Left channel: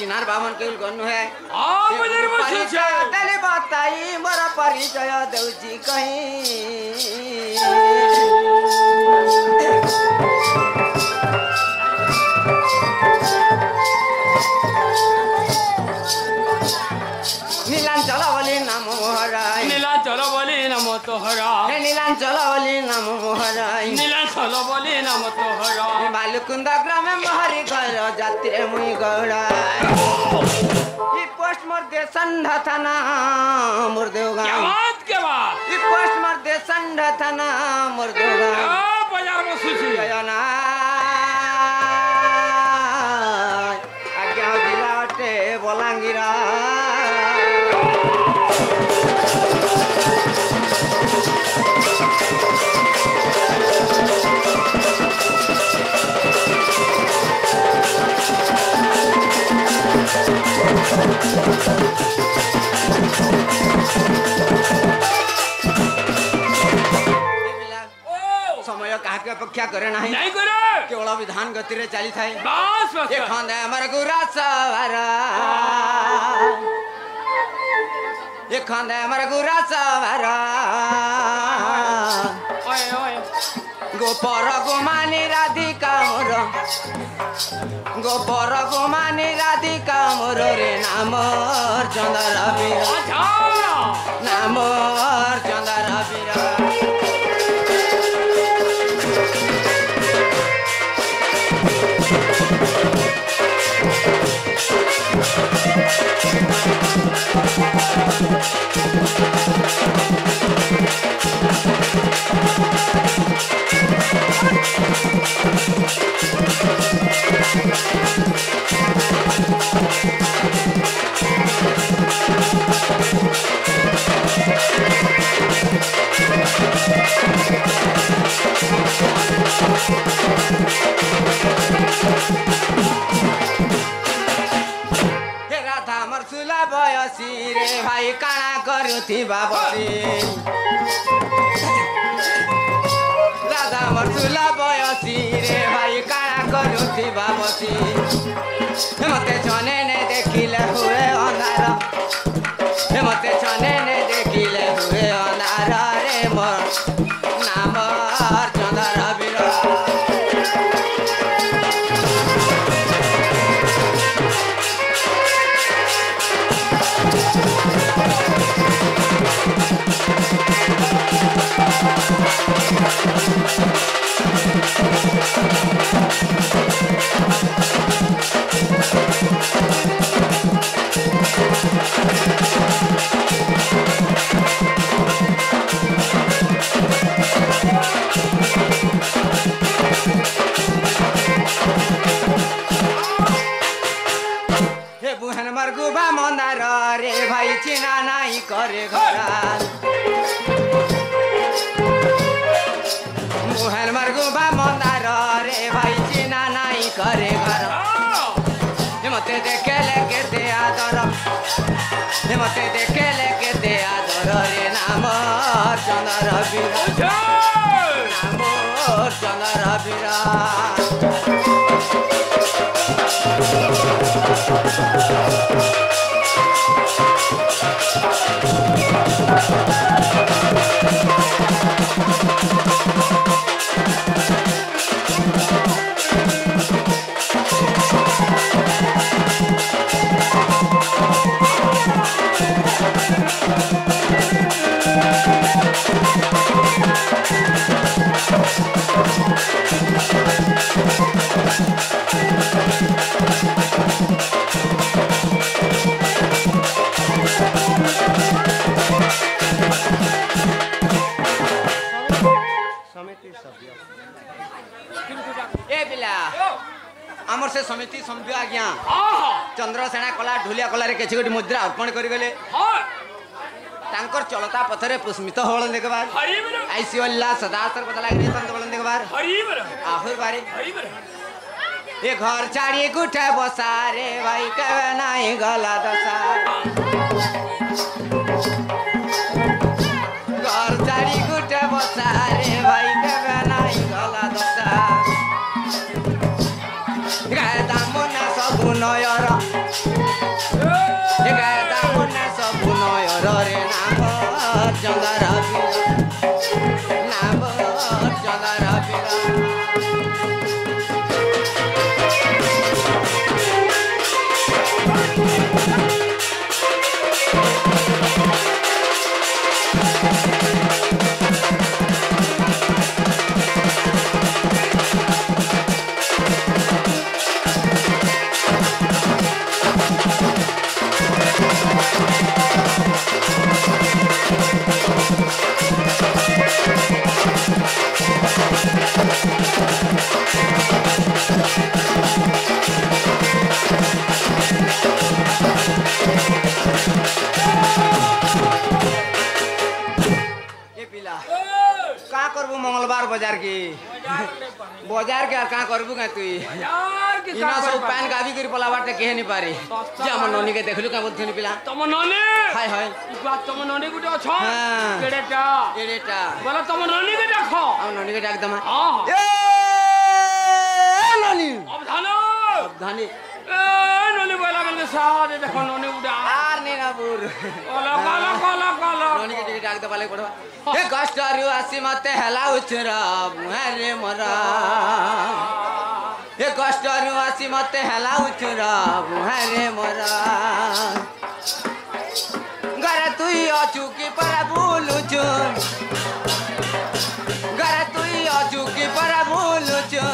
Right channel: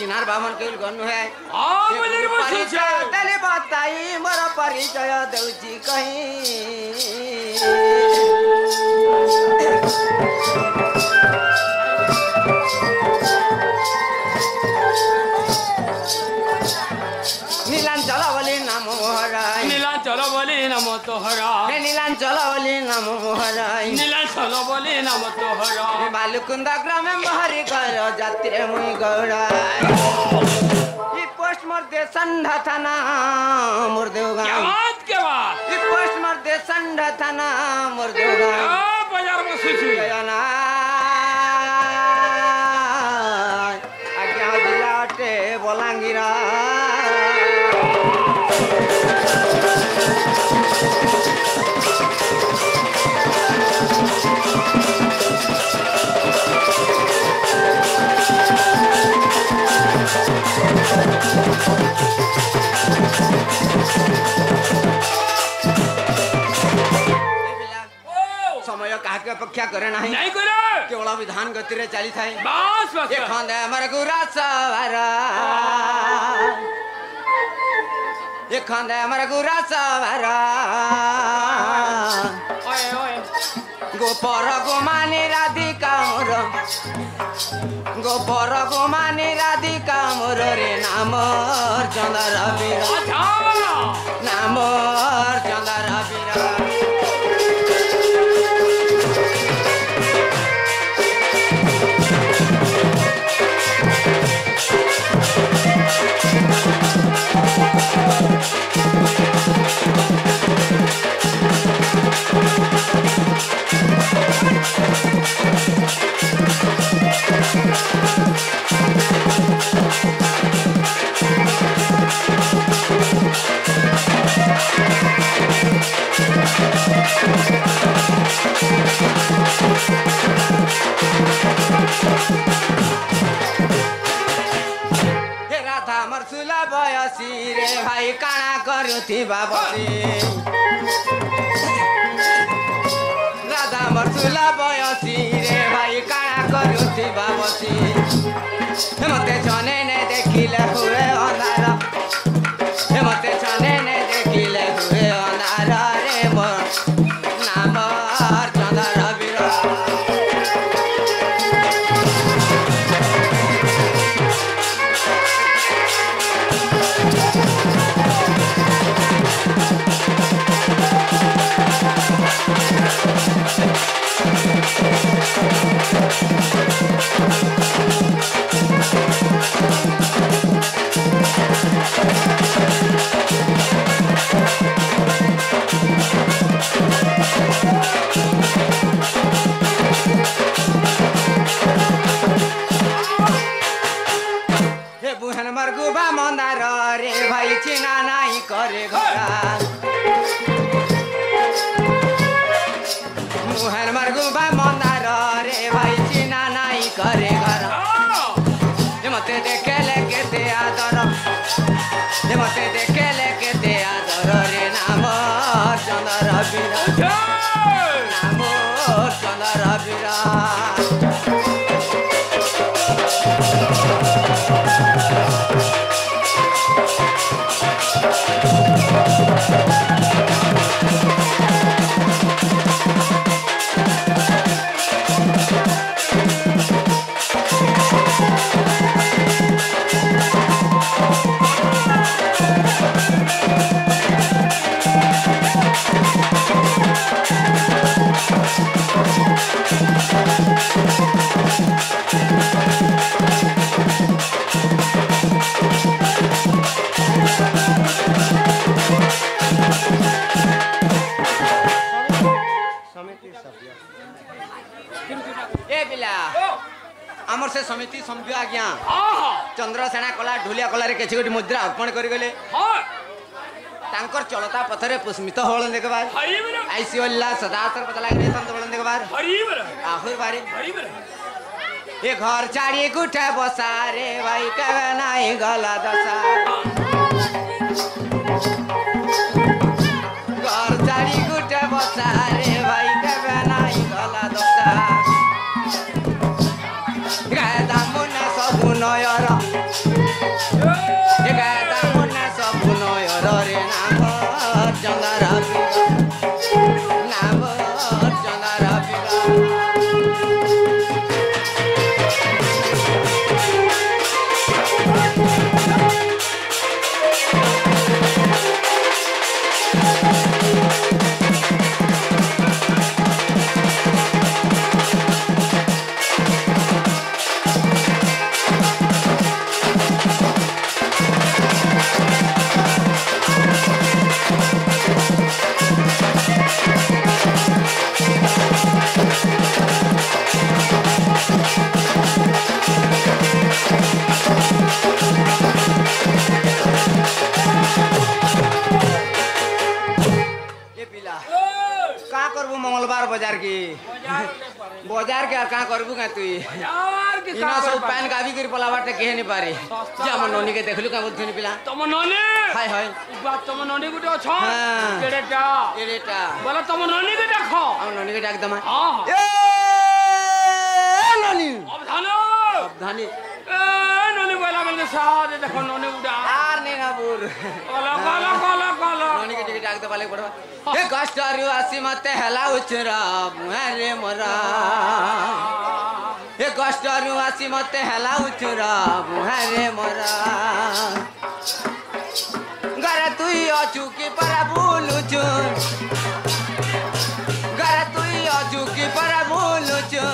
चिनार बामन केउल गर्नु है मुझे परिचय तले बताई मोर परिचय देउची कहीं नीलांचल बोली नाम मोहराई नीलांचल बोली नाम तोहरा नीलांचल बोली नाम मोहराई नीलांचल बोली नाम तोहरा बालुकुंद ग्रामे महरी घर जाते मुई गौड़ा ये पोस्ट मोर देसन थाना मुर्देव गाँव के बात ये पोस्ट मोर देसन थाना मुर्देव गाँव बाजार में सुशी गयाना आज्ञा जिलाटे बलांगीरा समय काके अपेक्षा करे नहीं नहीं करे केवल विधान गति रे चली थाए बस बस ये खंदे हमर गुरा सवारा ये खंदे हमर गुरा सवारा ओए ओए गोपर गोमानी राधिका मोर गोपर गोमानी राधिका मोर रे नाम चंदर बीर नाम चंदर बीर रे भाई काना करुथी बाबसी राधा मरसुला बयसी रे भाई काना करुथी बाबसी मते छने ने देखिले हुए अंधार मते छने ने देखिले हुए अंधार रे मोर नाम चंदर बीर मंदार रे भाई चिना नहीं करे घरा मुहन मरगुबा मंदार रे भाई चिना नहीं करे घरा मते देखे लेके दे आदर मते देखे लेके दे आदर रे नाम चंदर बीर नाम चंदर बीर आमर से समिति समझ आज्ञा चंद्रसेना कला ढुलिया कला किसी गोटे मुद्रा अर्पण करगले चलता पथरे पुष्मित हल देखबार आईसीला सदा बदला बल देखबार आहुर बारे ये घर चाड़ी गुठे बसारे भाई कहे नहीं गला दशा घर चाड़ी गुठे बसारे भाई कहे नहीं गला दशा गाय दामुना सब नयर बाजार की बाजार के का करबू का तू यार की इना सब पैन गावी गिर पला बाटे केहे नहीं पारी जे हम नोनी के देखलु का बुद्धि पिला तम ननी हाय हाय ई बात तम ननी गुटे अछ हाँ। केडेटा एडेटा बोला तम ननी के देखो हम नोनी के डाक दमा हां ए नोनी अब धानी ए ननी बोला गल साहब देखो ननी उड़ा आर ने ना बुर कोला कोला कोला कोला नोनी के टिकट डाक दबा ले पड़वा ए कष्टारियो आसी मते हला उचरा अरे मरा ए कष्टारियो आसी मते हला उचरा अरे मरा गरे तुई अचुकी पर भूलुचु गरे तुई अचुकी पर भूलुचु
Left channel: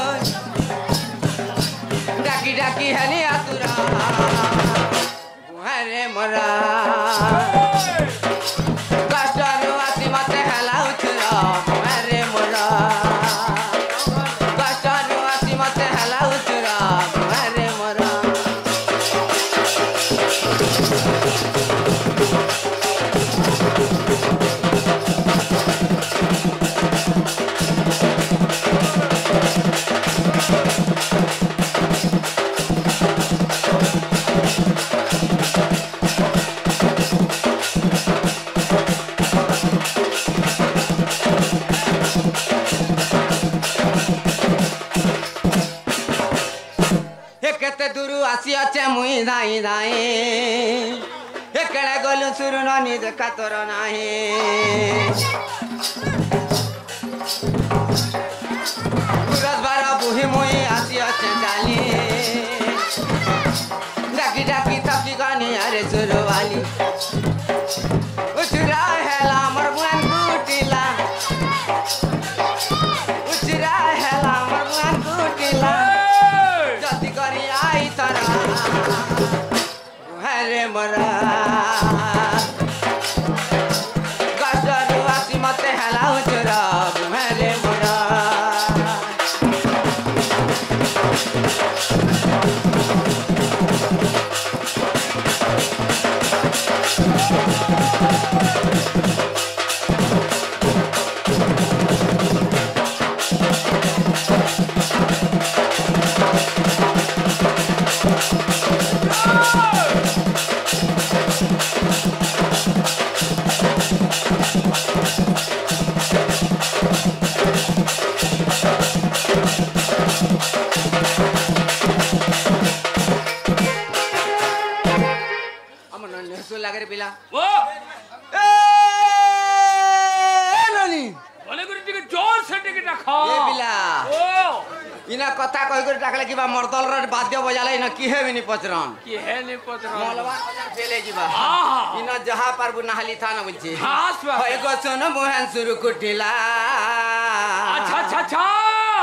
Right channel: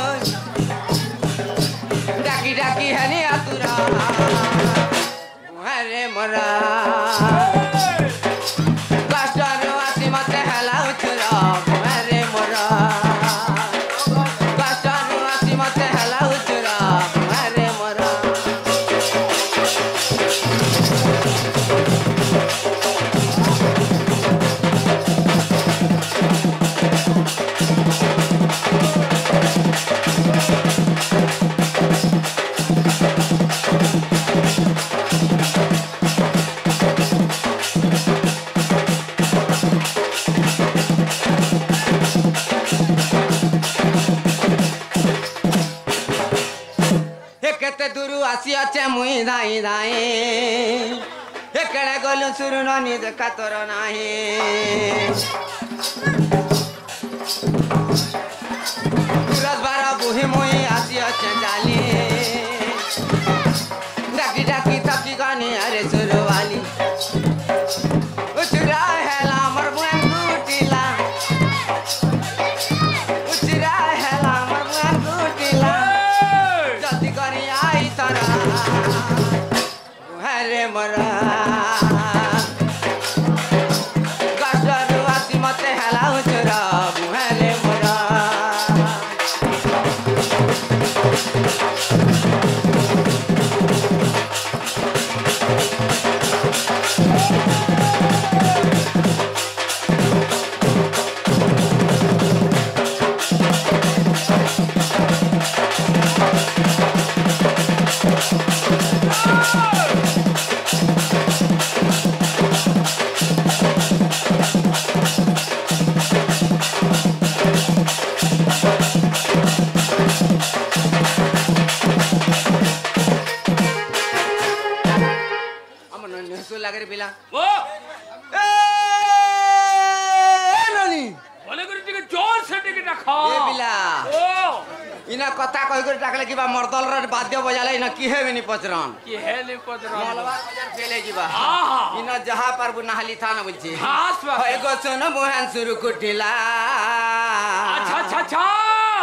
डाकी डाकी हनी आतुरा अरे मरा कष्टारियो आसी मते हला उचरा अरे मरा कष्टारियो आसी मते हला उचरा अरे मरा केते दूर आसी अच्छे मुई धाई धाई एकड़े गलु सुरु ननी देखा तोर नाही तुरस बारा बुही मुई आसी अच्छे चाली डाकी डाकी थपकी गानी अरे सुरु वाली उचरा हेला मर बुआन कुटिला उचरा हेला मर बुआन कुटिला जल्दी करी आई तरा हरे मरा गस्टर आसी मते हला उचरा हरे मरा लागे रे पिला ओ ए ननी बोले गुरु टिके जोर से टिके रखो ए पिला ओ इना कथा कहि कर टाकले कि बा मर्दल रे वाद्य बजाले इना की हे बिनी पचरन की है ने पत्र मलवा बजार फेले जीवा हां इना जहा पर बुनाहली था न बुझी खास बात होय गो सुन मोहन सुरु कुटिला अच्छा अच्छा अच्छा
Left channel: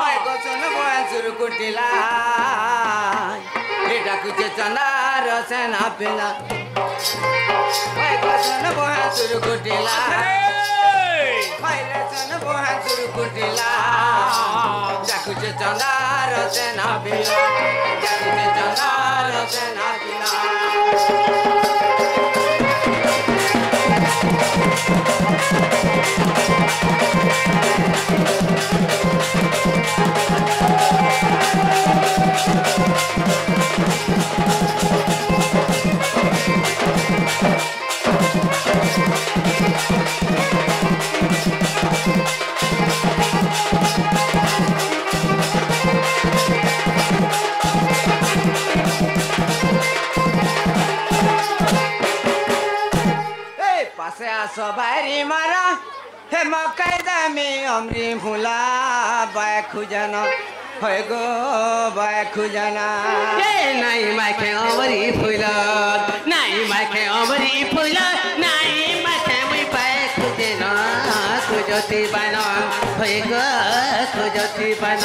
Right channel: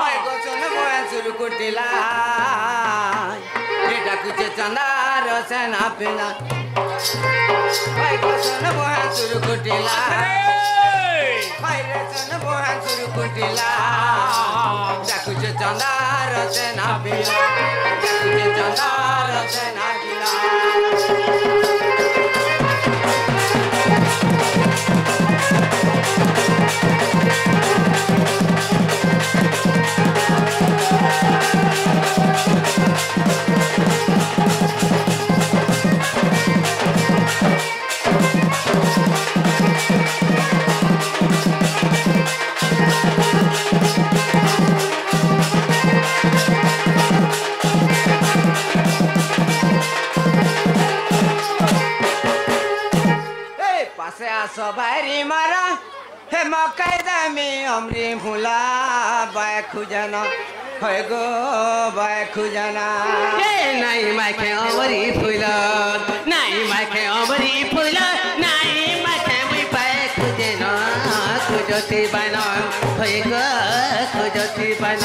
होय गो सुन मोहन सुरु कुटिला एटा कुछ चंदार सेना पिला होय गो सुन मोहन सुरु कुटिला होय रे सुन मोहन सुरु कुटिला जाकुचे चंदार सेना पिला जाकुचे चंदार सेना पिला सवारी मारा हे मकै दामी अमरी फुला बाय खुजना होय गो बाय खुजना नाई माखे अमरी फुल नाई माखे अमरी फुल नाई माखे मुई पाए खुजेन खुजती बान होय गो खुजती बान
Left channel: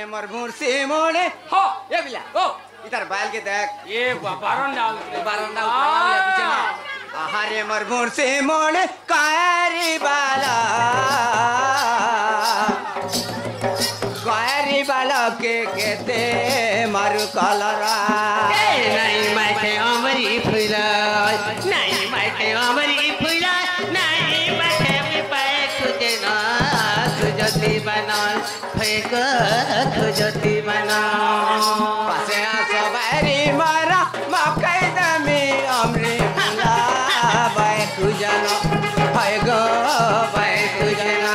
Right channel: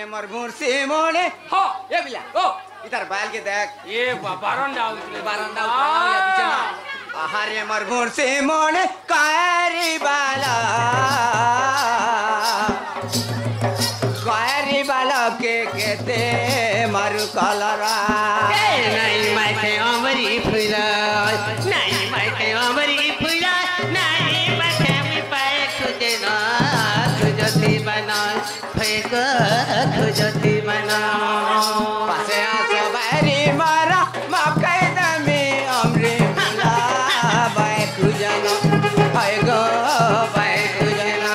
आहारे मोर मुर्सी मोड़े हाँ ये बिला ओ इधर बाल के देख ये बारंडा बारंदा आहारे मोर मुर्सी मोड़े कायरी बाला के कहते मारू कलरा नहीं माइके अमरी फुला नहीं माइके अमरी फुला नहीं माइके पाए खुदे ना खुजती बना फेक खुजती बना पासे आसा बारी मारा मकई दमी अमरी फुला बाय खुजनो हाय गो बाय खुजना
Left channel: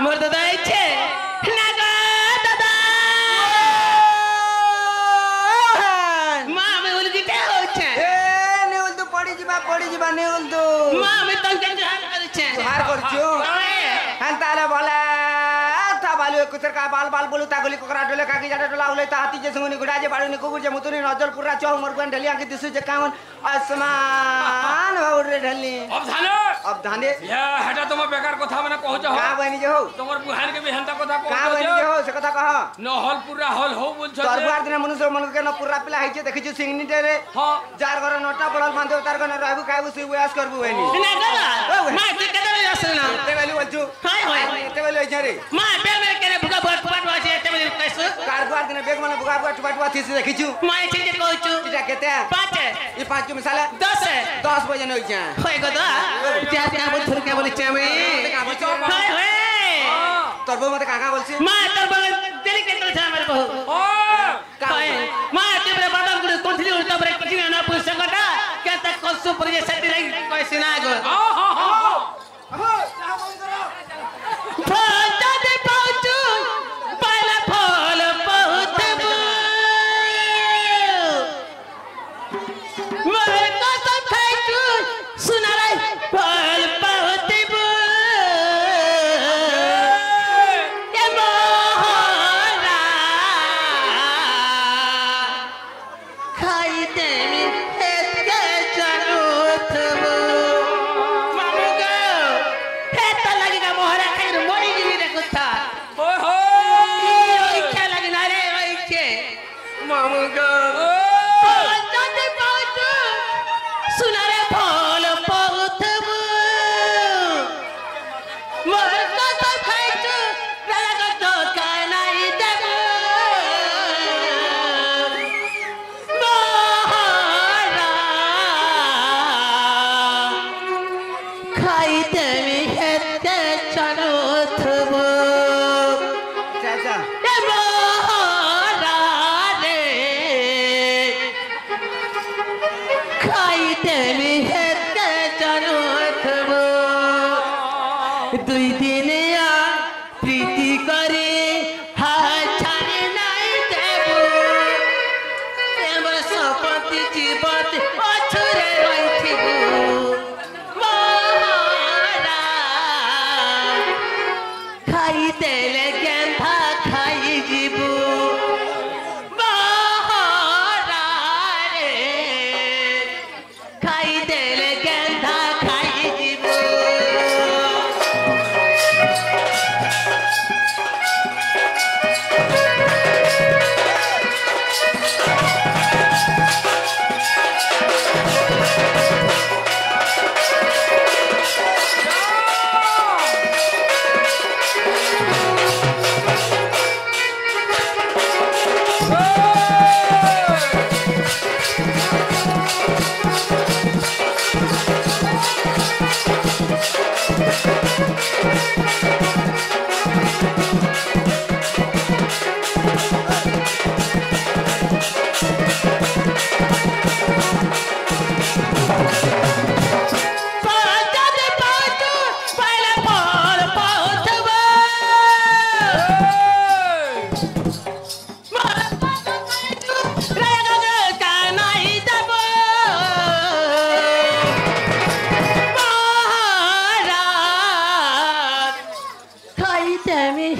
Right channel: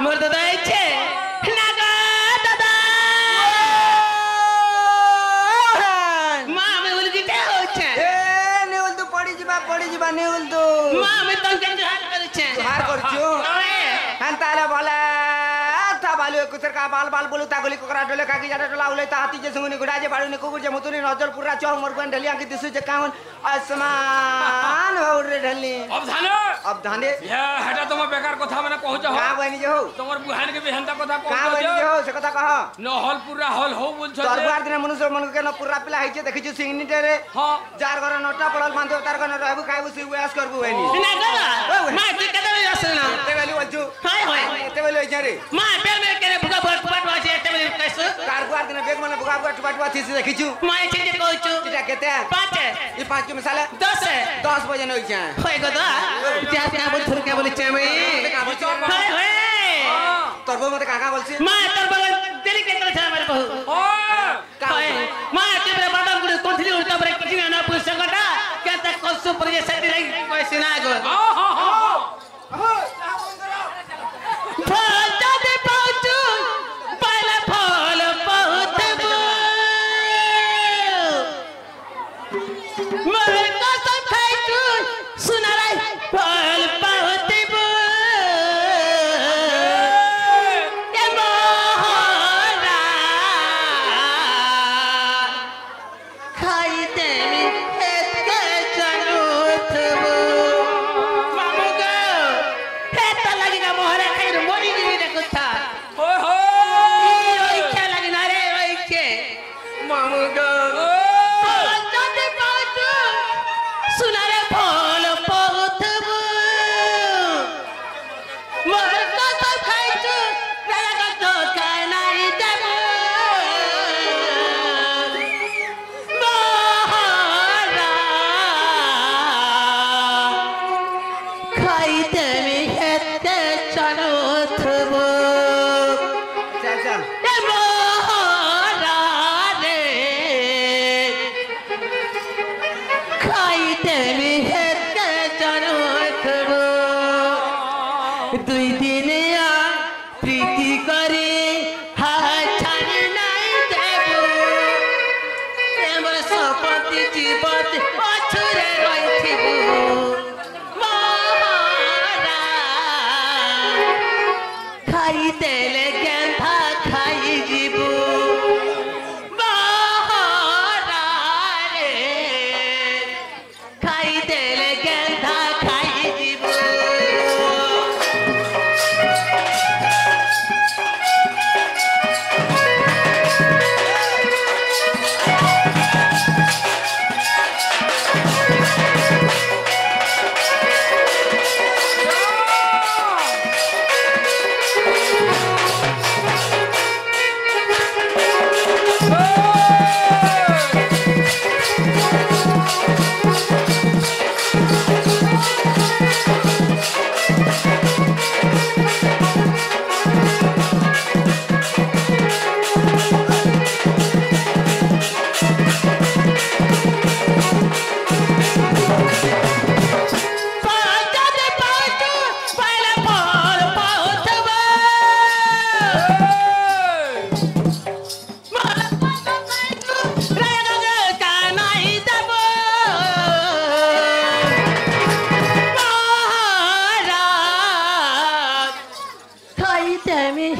मोर दादा इच्छे नागा दादा मां में उलगिटे होछे ए नेउल तो पड़ी जिबा नेउल तो मां में तंके हार करछे हार करछु हंताले बोले था बालू कुतर का बाल बाल बोलू ता गली कोकरा डोले काकी जाडे डोला उले ता हाथी जे संगनी गुडा जे बाडू ने कुकुर जे मुतुनी नजर पुरा चौ मोर गन ढलिया के दिसु जे कावन आसमान हो रे ढली अब धाने या हेटा तुम बेकार कथा माने कहू छ का बनी जे हो तोमर बुहान के बेहनता कथा कहू का बनी जे हो से कथा कह न हॉल पूरा हॉल हो बोल छ दरबार दिन मनुष्य मन के न पूरा पिला हाइचे देखि छु सिंगनी रे हां जार घर नोटा पड़ल मान देव तार गन रहबु खाइबु सी उयास करबु एनी नागा मां के कदे असना ते वेली बोलछु हाय हाय ते वेली जे रे मां बेल में करे भुगा भट पट वाजे ते वेली कैसे कारबार दिन बेग मन भुगा भट थी से देखि छु मां छे कहू इटा केते 5 ई 5 के मिसाले 10 बजे नइ छ होय गदा क्या क्या बोल थुर क्या बोले चमे हाय हाय तोरबो मते काका बोलछि मां तोर बगल तेरी के तरह हमारे बहू हाय मां तेरे बादाम गुड़ कोठली उड़ता बरे किसी ना पूछ सकता क्या तक कसु पर ये सटी रही कैसे ना गो फल दे पहुंचू पहला फल बहुत मरे कसम खाइचू सुना रे फल बहुत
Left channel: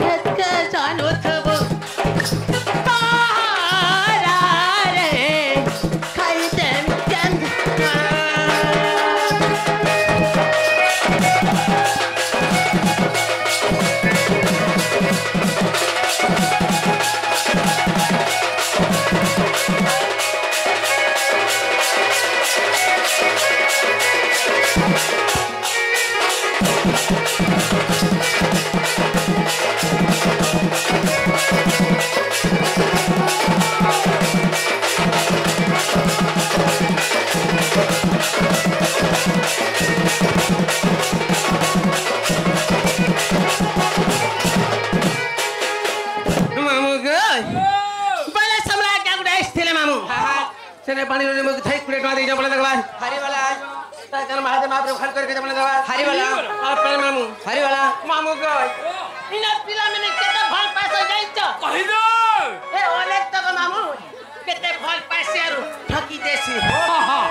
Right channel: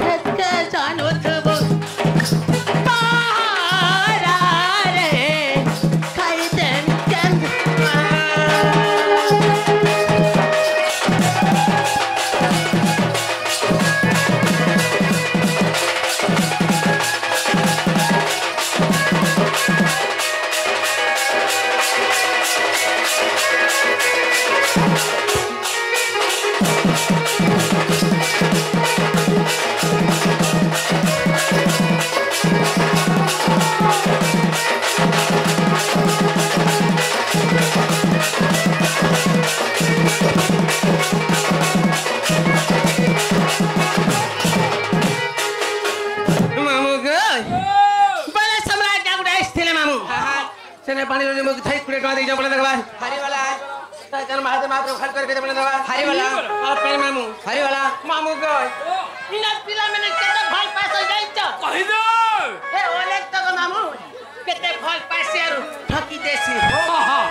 हेतके जानो थबो पारा रे खाई देन केन सेने पानी रे मुख थाई कुड़े टवा दे जा बोले दरबार हरी वाला ता जन महादेव महाप्रभु खड़ करके बोले दरबार हरी वाला और पे मामू हरी वाला मामू गय इना पिला मैंने केते फल पास हो जाई छ कहि दो ए ओले तक मामू केते फल पास यारू ठकी देसी हां हां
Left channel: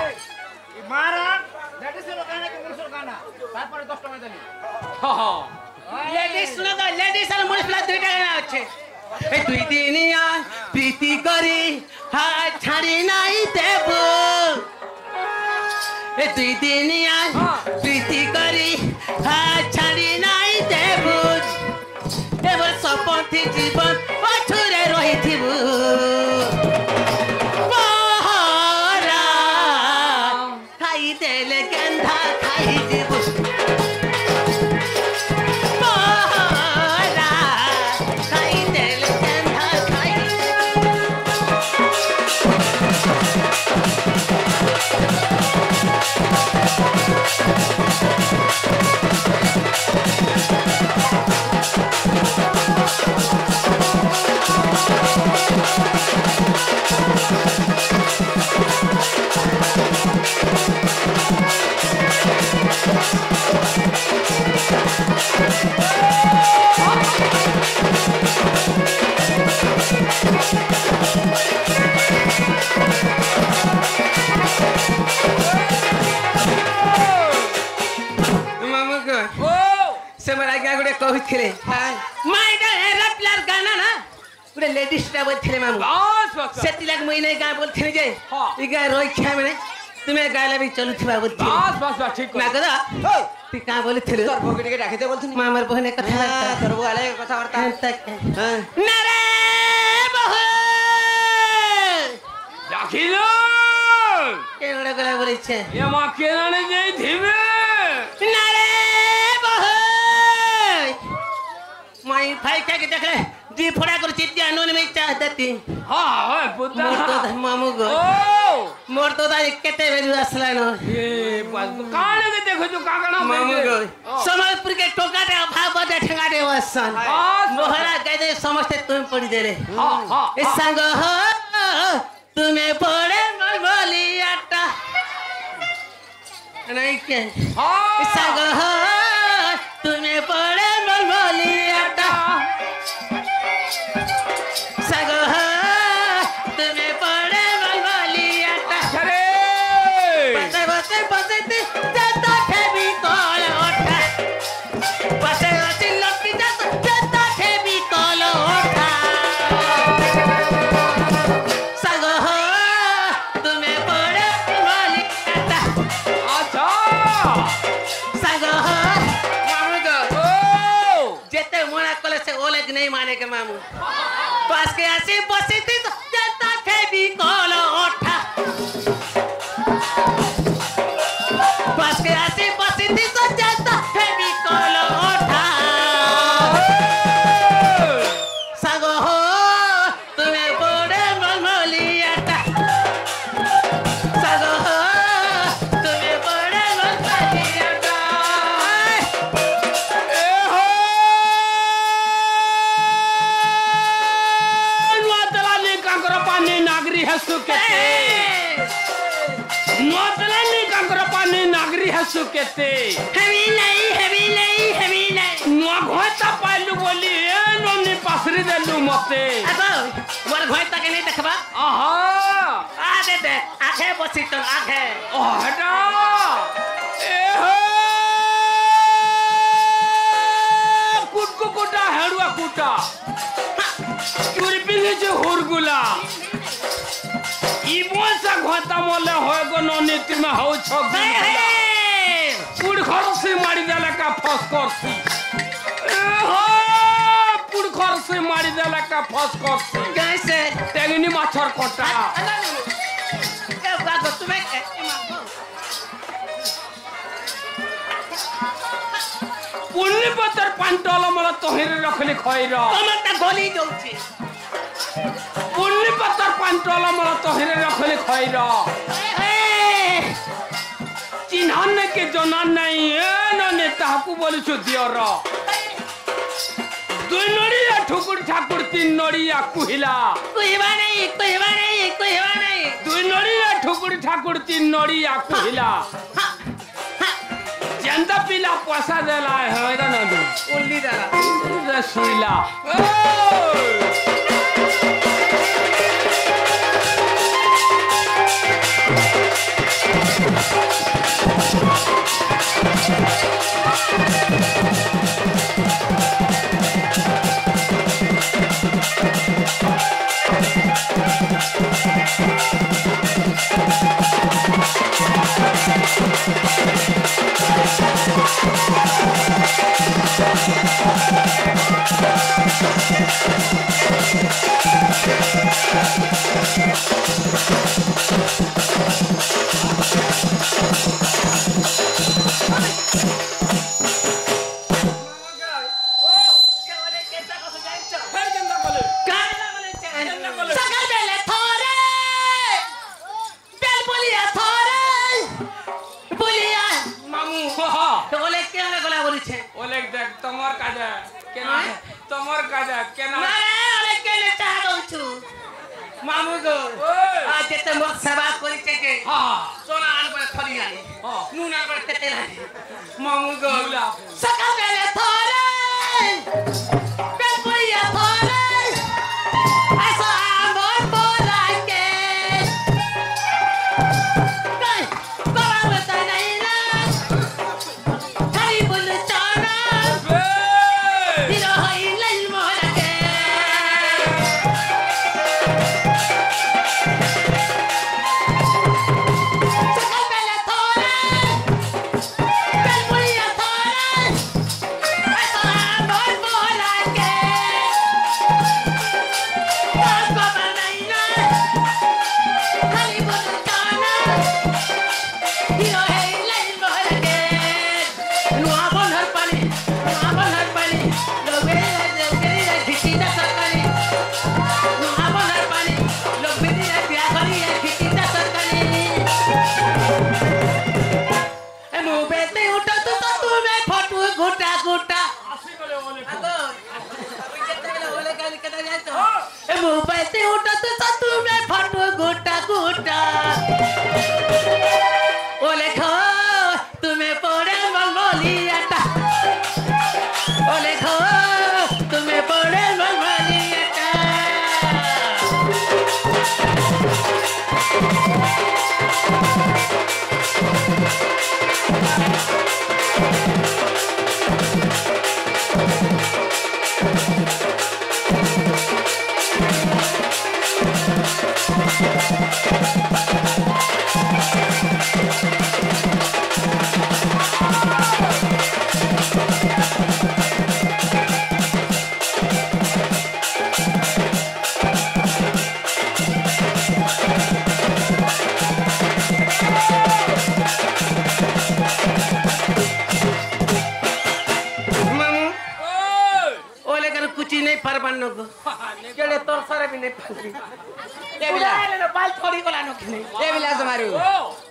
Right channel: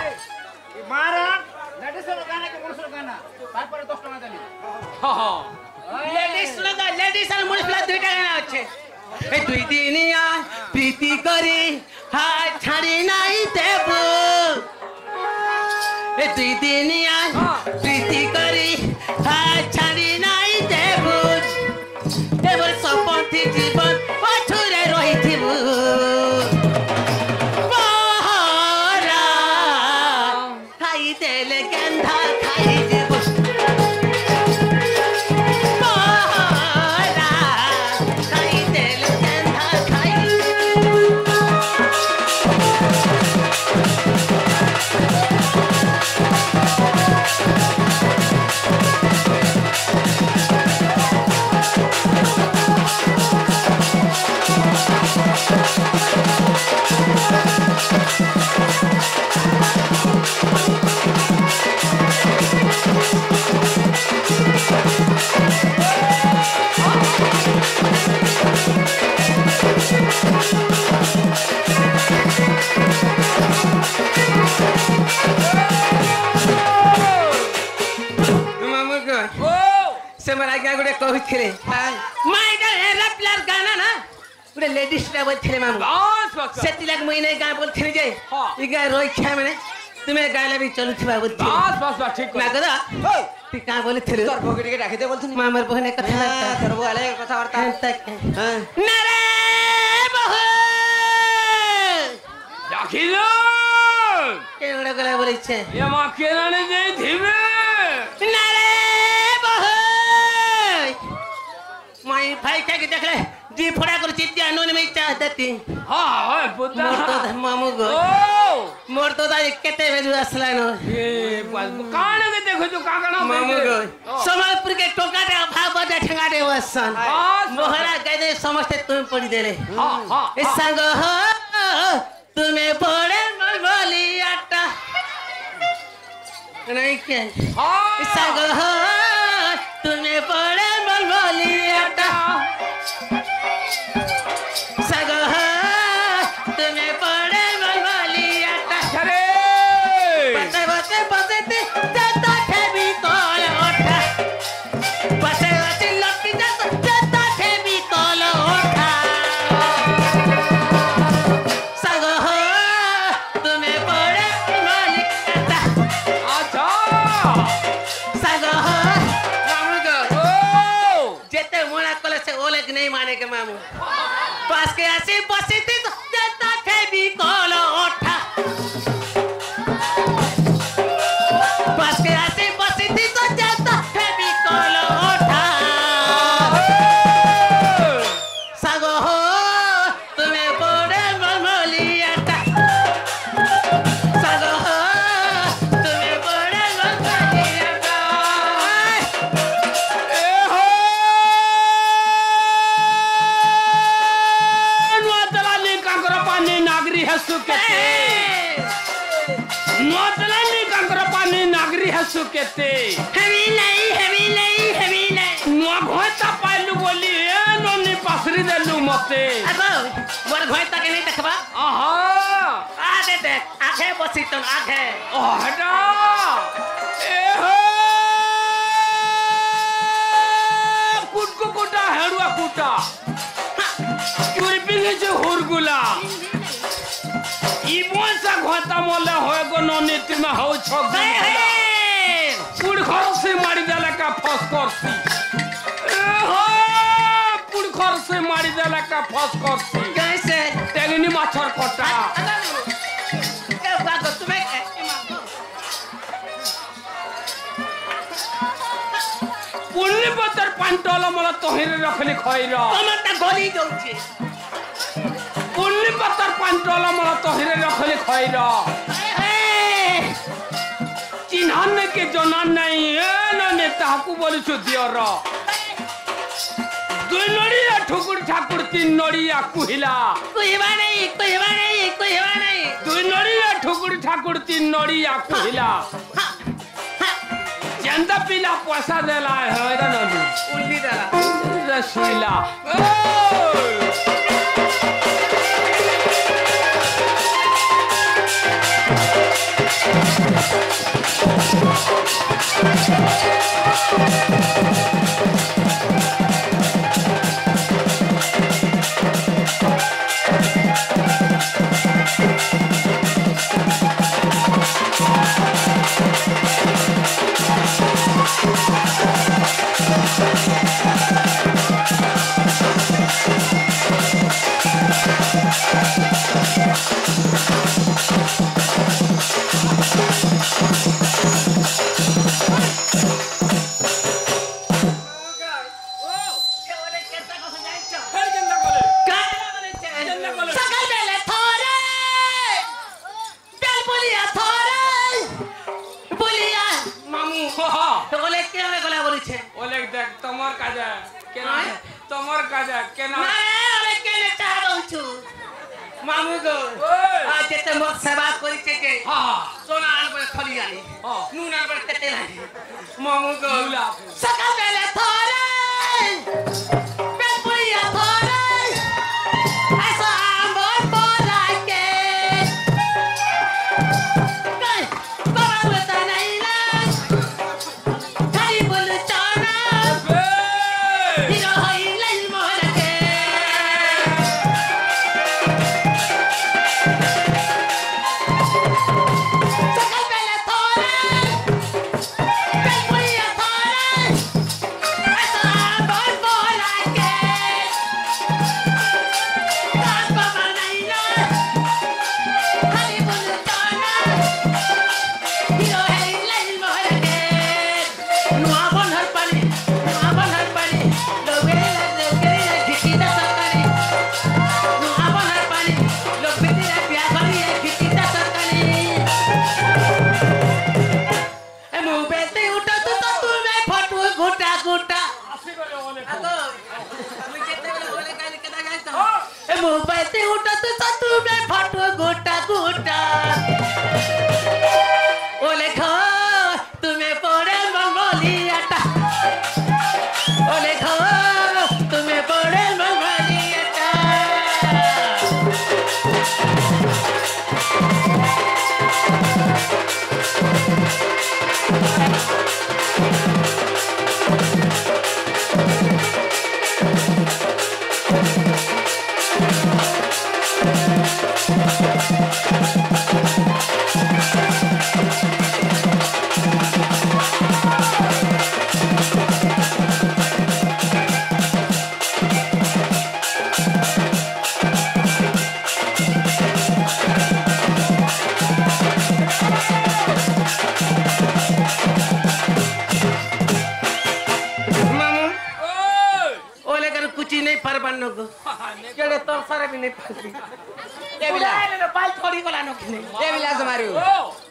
मारा लेडीज गाना के पुरुष गाना তারপরে 10 টাকা দেলি हां हां लेडीज सुने दा लेडीज আর মুনিশ পিলা দুইটা গানা আছে ए दुई दिनिया प्रीति करी हाय छाड़ी नहीं देबो ए दुई दिनिया प्रीति करी हाय छाड़ी नहीं देबो एबर सपथि जीवन पछुरे रहिथिबो बहरा खाई देले गंधा खाई जीबो बहरा खाई देले गंधा खाई কইছিলে মাইডা এরাপ্লার গানা না পুরো লেডিসটা বলছিলে মামু बस बस সেটি লাগ মইনে গা বলছিলে যে ই গা রইছা মানে তুমি গাইলে বি চলুছিবা বলছিলে बस बस बस ठीक না গদা তুই কা বলছিলে তোর পকেটে রাখি দে বলছিস মামার বহনে কথা হ্যাঁ তোর বলে কথা বার্তা হ্যাঁ না রে বহু রাখিলো কেনড়া গলা বলিছে এ মা কেনানে দেই দিবে না রে বহু মাই ভাই কে দেখলে জি ফড়া করে চিত্তি আনুন মে চা দেতি हां हां बुद्धा मोर तो मामू गो ओ मोर तो दा केते बेजू असला न ए बस कान के देखो जो काकना मामू गो समाजपुर के टोकाटे अभाव बजा ठंगाटे वसन बस मोहरा कहदे समस्त तुम पड़ी दे रे हां हां ए संग हो तुम्हें पड़े बोली आटा नहीं के हां संग हो तुम्हें पड़े बोली आटा संग हो तुम्हें पड़े बोली आटा अरे बसे बसे बसे जाता थे भी कॉल उठा बसे बसे लपटी जाता थे भी कॉल उठा संग हो तुम्हें पड़े बोली आटा अच्छा संग हो मामू गो ओ जेते मोना कले से ओले नहीं माने के मामू पास के आसी बसी थी तो जाता थे भी कॉल उठा पास के आसी बसी थी तो जाता थे भी कॉल उठा संग हो तुम्हें बड़े मलमली आटा संग हो तुम्हें बड़े मलमली आटा ए हो नुआ चला नी काकर पानी नागरी है सुकेते नुआ चला नी काकर पानी नागरी है सुकेते हेवी नहीं नुआ घोता पाइलु बोली ए नोनी पासरी देलु मते अगो मोर भय तक नहीं देखबा आहा आ दे दे आखे बसी तो आखे ओ हटा ए हो कुटकु कुटा हेडुआ कुट ঘটা চুরি পিনেছে হুরগুলা ইবসা ঘটা মলে হয় গো ননি তুমি হও ছগি পুড় খরসে মারি দেলা কা ফস করছি हो पुड़ खर से मारी देला का फस करसी कैसे टेंगनी माछर कोटा ए बागो तुम्हें पुन्नी पतर पांटल मला तोहिर रखली खइर टमाटा गली जाउची पुन्नी पतर पांटल मला तोहिर रखली खइर चिन्हन के जनान नहीं ए नने ताकू बोली छु दियर दुई नड़िया ठुकुर ठाकुर तीन नड़िया कुहिला कुहिबा नहीं दुई नड़िया ठुकुर ठाकुर तीन नड़िया कुहिला जेंदा पिला पैसा देला है रे ननु उल्ली डाला रे सुइला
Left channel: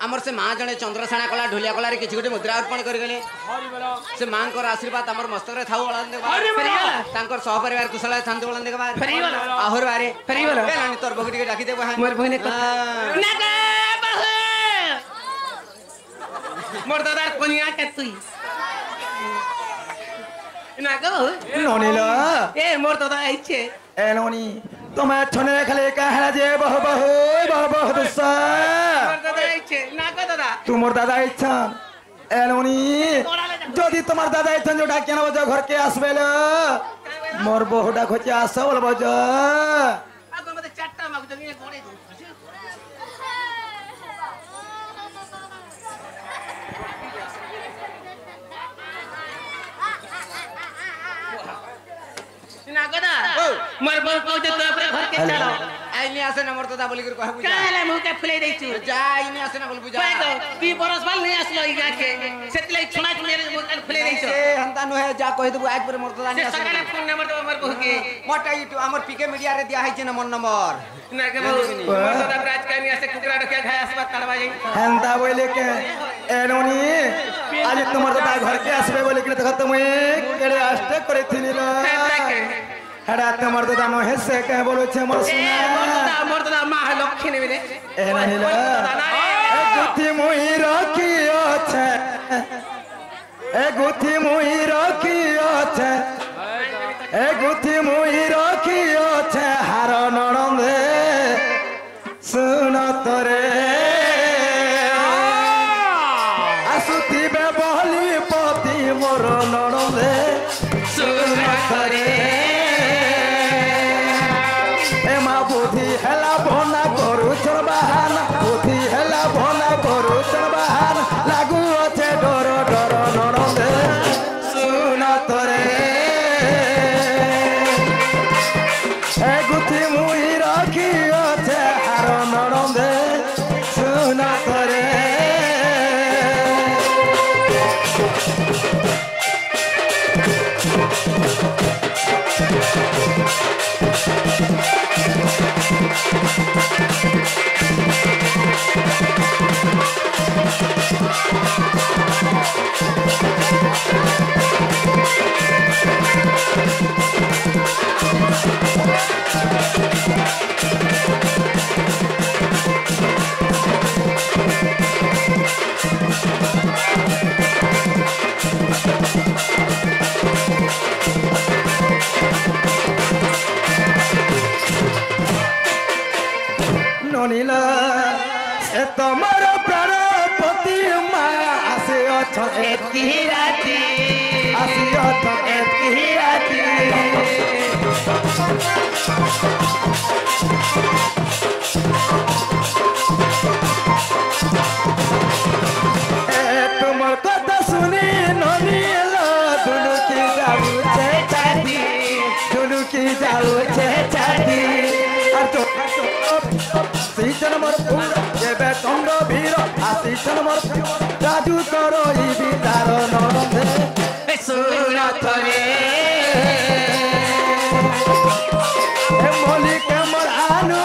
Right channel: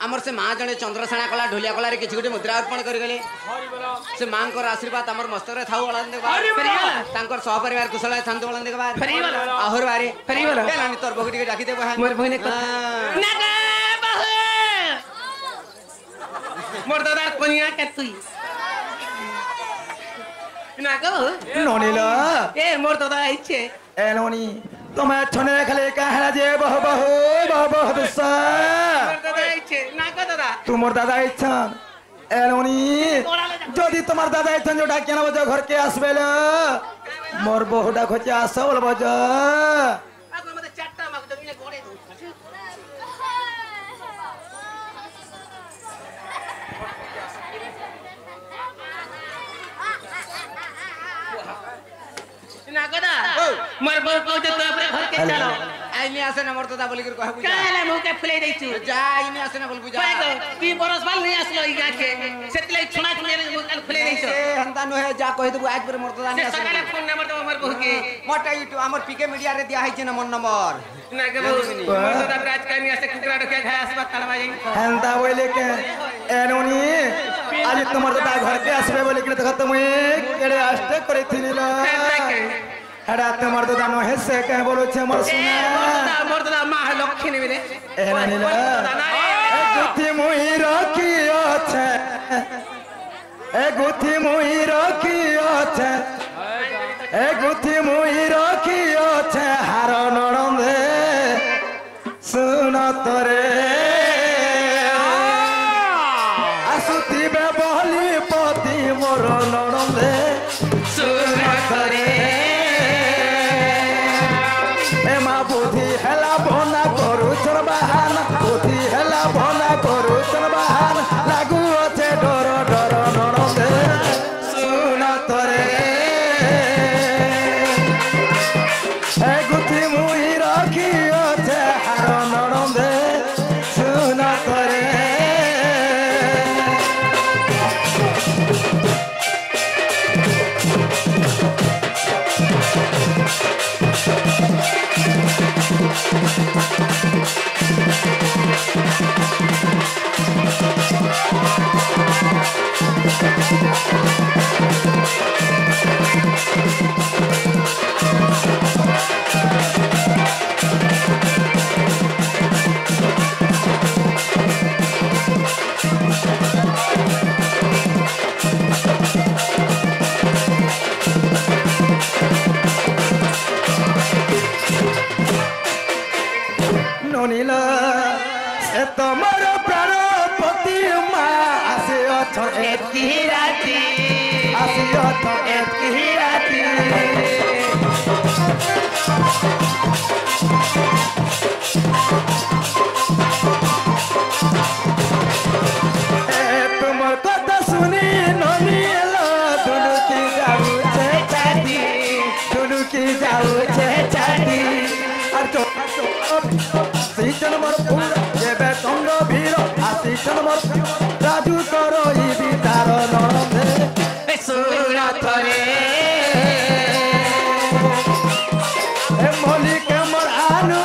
आमर से माँ जने चंद्रसेना कला ढोलिया कला रे किछि गोटे मुद्रा अर्पण कर गले से मां को आशीर्वाद हमर मस्तक रे थाउ ओळान देबा तांकर सह परिवार कुशल थांत ओळान देबा आहुर बारे फेरीबल लानी तोर बगडी के डाकी देबा मोर बहिने ना गा बहु मोर दादा कोनिया के तुई ना गो नोनीला ए मोर दादा आइछे ए नोनी तुम्हें छने रखले का हला जे बहु दसा मोर दादा आइछे ना गो दादा तू मोर दादा इच्छा एलोनी जदि तुम्हार दादा इच्छा जो डाकिया न घर के आसबेल मोर बहुटा खोचे आस बोल बज आगो मते चारटा मागु जंगे घोड़े ना गदा मोर बहु कहू जे तो अपने घर के चलो आइनी आसे न मरतो दा बोली कर कहबु जा काले मुंह के फुले दैछु जा आइनी आसे न बोलबु जा तो 2 बरस बाल नहीं आसलो इगा के सेतले छुना छुने मुंह के फुले दैछु ए हंता न है जा कहि देबु आज पर मरतो दा से नहीं सकाले आसे फोन नंबर तो हमर बहु के मोटा यूट्यूब हमर पीके मीडिया रे दिया है छ न मन नंबर ना के बहु मोर तो दा राज कानी आसे कुकरा रखे खाय आसबा तड़वा जाई हेंदा बोले के एनोनी आज तुमर दादा घर के आसबे बोले कि देखत मुई केड़े आष्टे करे थिनी लो हड़ा तुमर दादा न हेसे के बोलो छे मोर सुना मोर तो मां है लक्ष्मी मिले एनानी लो ए गुथी मुई रखियो छे ए गुथी मुई रखियो छे ए गुथी मुई रखियो छे हार नणंदे सुन तोरे आसुतिबे बहली पति मोर नणंदे सुन तोरे ए मा बुद्धि हेला भना करू चल बहाना बुद्धि हेला भना करू चल बहाना लागू अछे डर डर नणंदे सुन तोरे ए गुथी मुई रखी अछे हार नणंदे सुन तोरे ननीला से तमर प्राण पति मा आसे अथ एतकी राती आसे अथ एतकी राती ए तुमर कथा सुनी ननीला दुलुकी जाऊ छे छाती दुलुकी जाऊ छे छाती और तो सीजन मर पूरा ये बेतंग भीर आसीजन मर राजू करो ई बितार नंदे सुन तोरे ए मोली के मर आनु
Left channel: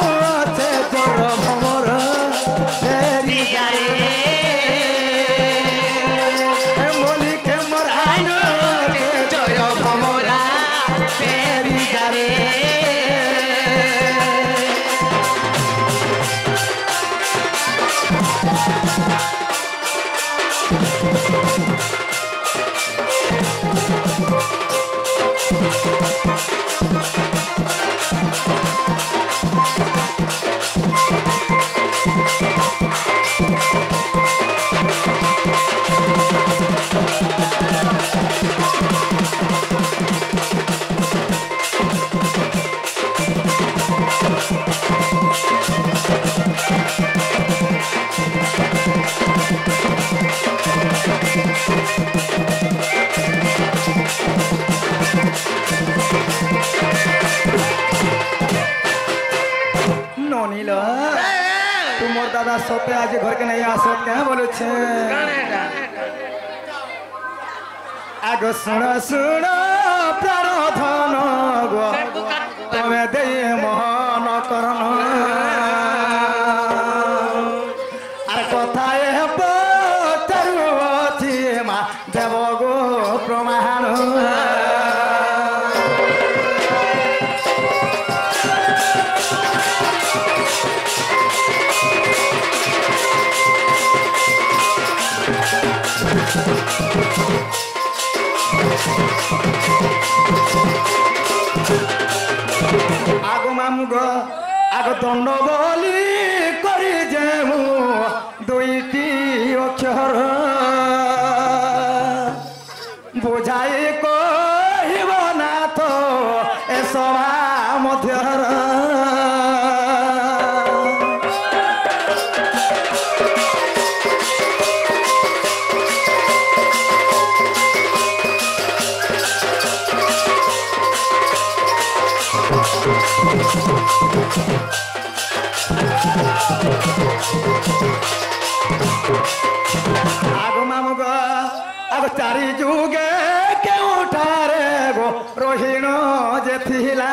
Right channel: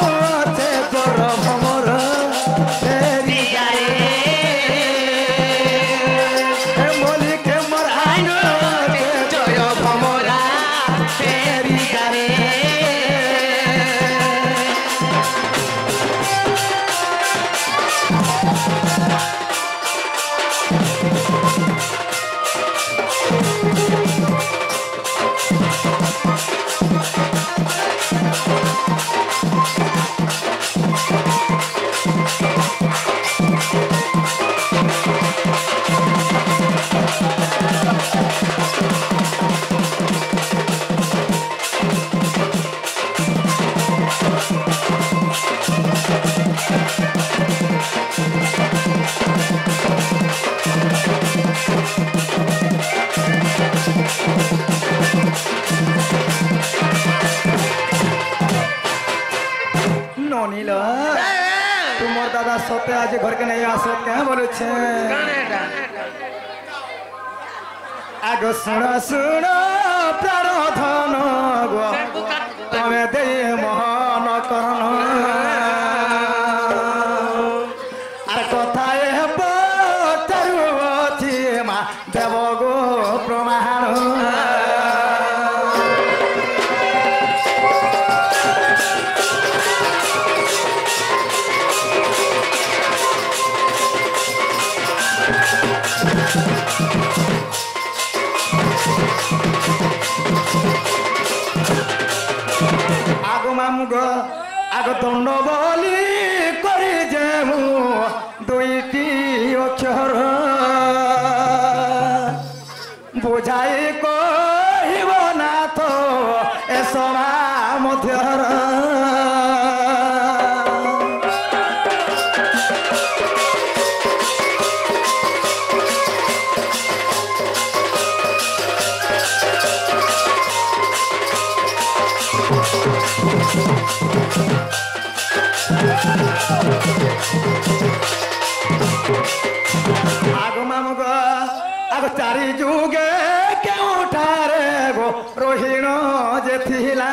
छे तोर भमर तेरी जाए ए मोली के मर आनु छे जय भमरा तेरी जारे ननीला तुमर दादा सोते आज घर के नहीं आसो क्या बोलो छे आगो सुन सुन प्राण धन गो तमे दे मोहन करन आर कथा ए पतारु अछि मा देव गो प्रमाण आगो मामुगो आगो दंड बली करी जेमु दुईटी अक्षर बुझाई कहिब ना तो आगो मामू गो आगो चारी जुगे केउठारे गो रोहिण जे थिला